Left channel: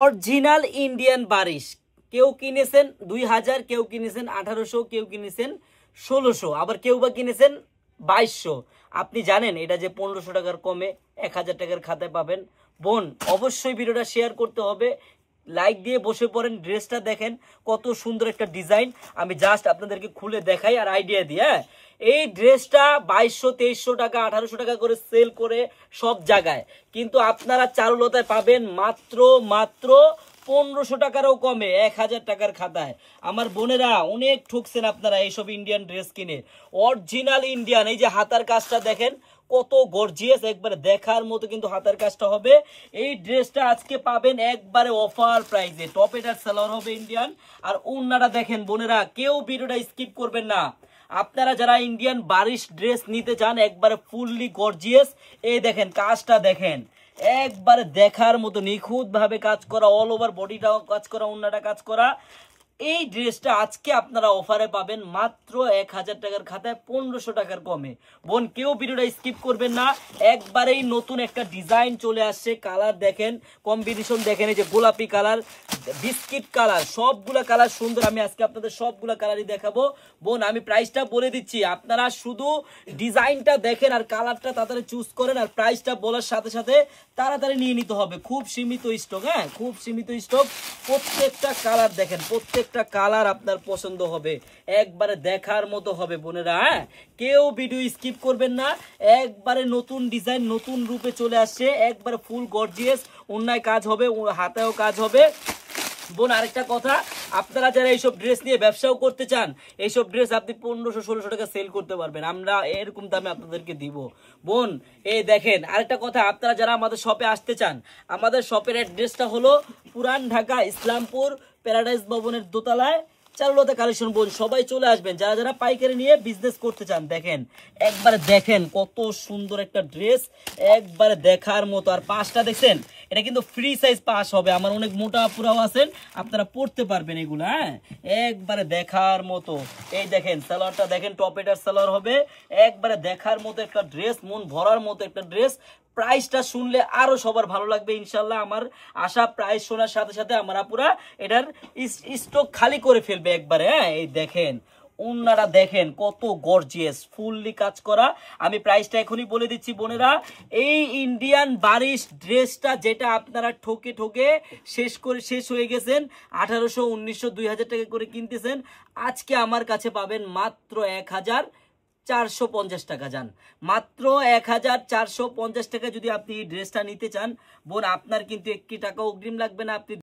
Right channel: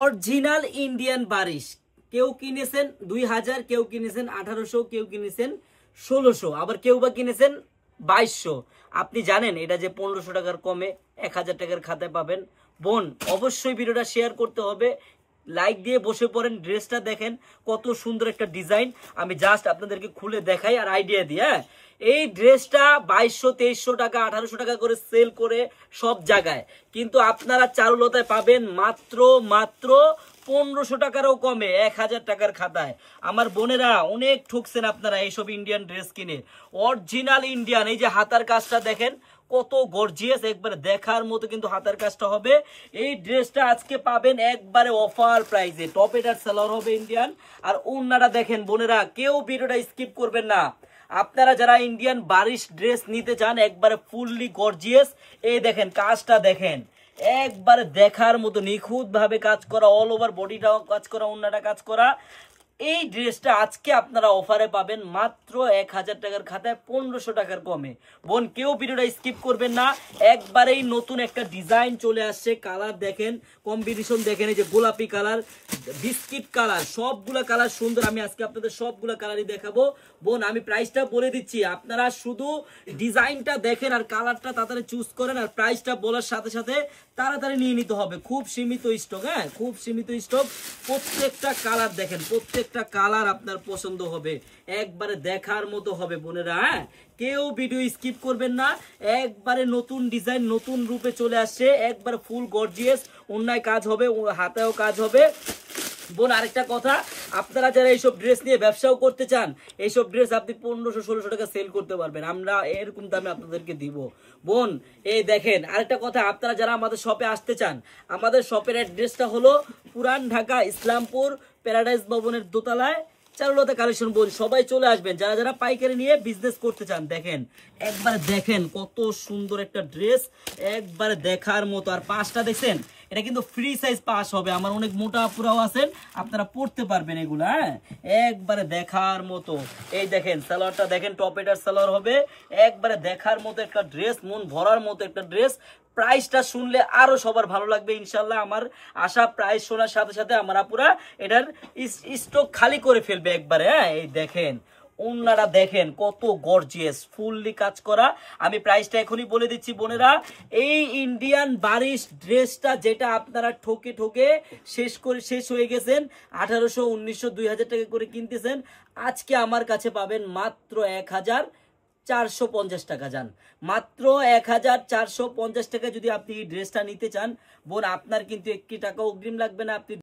Original Indian বারিশ কেউ কিনেছেন 2000, কেউ কিনেছেন 1800, কেউ কিনেছেন 1600, আবার কেউ বা কিনেছেন 2200। আপনি জানেন এটা যে 1500 টাকার কমে 1000 টাকার খাতায় পাবেন। বোন অবশ্যই ভিডিওটা শেয়ার করতে হবে, লাইক দিয়ে বসে পড়েন। ড্রেসটা দেখেন কত সুন্দর একটা ডিজাইন, আমি জাস্ট আপনাদেরকে খুলে দেখাই আর আইডিয়া দিই। হ্যাঁ, এই ড্রেসটা 2200, 2300 টাকা, 1800 টাকা করে সেল করে সব জায়গায়, কিন্তু আপনারা চারুলতায় পাবেন মাত্র 1500 টাকারও কমে 1000 টাকার খাতায়। আমার বোনেরা অনেক ঠকছেন আপনারা এইসব ইন্ডিয়ান ড্রেস কিনে। অরিজিনাল ইন্ডিয়ান, এই যে হাতার কাজটা দেখেন কত গর্জিয়াস, একবারে দেখার মতো কিন্তু হাতার কাজটা হবে। এই ড্রেসটা আজকে পাবেন একবারে অফার প্রাইসে। টপ এটার সালোয়ার হবে ইন্ডিয়ান, আর ওড়নাটা দেখেন বোনেরা, কেউ ভিডিওটা স্কিপ করবেন না। আপনারা যারা ইন্ডিয়ান বারিশ ড্রেস নিতে চান একবারে ফুললি গর্জিয়াস, এই দেখেন কাজটা দেখেন একবারে দেখার মতো নিখুঁত ভাবে কাজ করা, অল ওভার বডিটাও কাজ করা, ওড়নাটা কাজ করা। এই ড্রেসটা আজকে আপনারা অফারে পাবেন মাত্র 1000 টাকার খাতায় 1500 টাকার কমে। বোন কেউ ভিডিওটা স্কিপ করবেন না, একবারেই নতুন একটা ডিজাইন চলে আসছে। কালার দেখেন, কম্বিনেশন দেখেন, এই যে গোলাপি কালার, বিস্কিট কালার, সবগুলা কালার সুন্দর। আমি আজকে আপনাদের সবগুলা কালারই দেখাবো। বোন আমি প্রাইসটা বলে দিচ্ছি, আপনারা শুধু ডিজাইনটা দেখেন আর কালারটা তাড়াতাড়ি চুজ করেন, আর প্রাইসটা বলার সাথে সাথে তাড়াতাড়ি নিয়ে নিতে হবে। খুব সীমিত স্টক, হ্যাঁ খুব সীমিত স্টক। প্রত্যেকটা কালার দেখেন, প্রত্যেকটা কালার আপনার পছন্দ হবে, একবারে দেখার মতো হবে বোনেরা। হ্যাঁ, কেউ ভিডিও স্কিপ করবেন না, একবারে নতুন ডিজাইন নতুন রূপে চলে আসছে, একবারে ফুল গর্জিয়াস। ওড়নায় কাজ হবে, হাতেও কাজ হবে। বোন আরেকটা কথা, আপনারা যারা এইসব ড্রেস নিয়ে ব্যবসাও করতে চান, এইসব ড্রেস আপনি 1500-1600 টাকা সেল করতে পারবেন, আমরা এরকম দামে আপনাদেরকে দিব। বোন এই দেখেন আরেকটা কথা, আপনারা যারা আমাদের শপে আসতে চান, আমাদের শপের অ্যাড্রেসটা হলো পুরান ঢাকা ইসলামপুর প্যারাডাইস ভবনের দোতলায় চারুলতা কালেকশন। বোন সবাই চলে আসবেন যারা যারা পাইকারি নিয়ে বিজনেস করতে চান। দেখেন একবারে দেখেন কত সুন্দর একটা ড্রেস, একবারে দেখার মতো। আর পাঁচটা দেখছেন, এটা কিন্তু ফ্রি সাইজ পাস হবে, আমার অনেক মোটা পুরাও আছেন, আপনারা পড়তে পারবেন এগুলো। হ্যাঁ, একবারে দেখার মতো। এই দেখেন সালোয়ারটা দেখেন, টপ এটার সালোয়ার হবে, একবারে দেখার মতো একটা ড্রেস, মন ভরার মতো একটা ড্রেস। প্রাইসটা শুনলে আরো সবার ভালো লাগবে ইনশাল্লাহ। আমার আশা প্রাইস শোনার সাথে সাথে আমরা পুরা এটার স্টক খালি করে ফেলবে একবারে। হ্যাঁ, এই দেখেন ওনারা দেখেন কত গর্জিয়াস, ফুললি কাজ করা। আমি প্রাইসটা এখনই বলে দিচ্ছি বোনেরা, এই ইন্ডিয়ান বারিশ ড্রেসটা যেটা আপনারা ঠকে ঠকে শেষ হয়ে গেছেন, 1800, 1900, 2000 টাকা করে কিনতেছেন, আজকে আমার কাছে পাবেন মাত্র 1450 টাকা। যান মাত্র 1450 টাকা। যদি আপনি এই ড্রেসটা নিতে চান বোন, আপনার কিন্তু 1 টাকা অগ্রিম লাগবে না, আপনি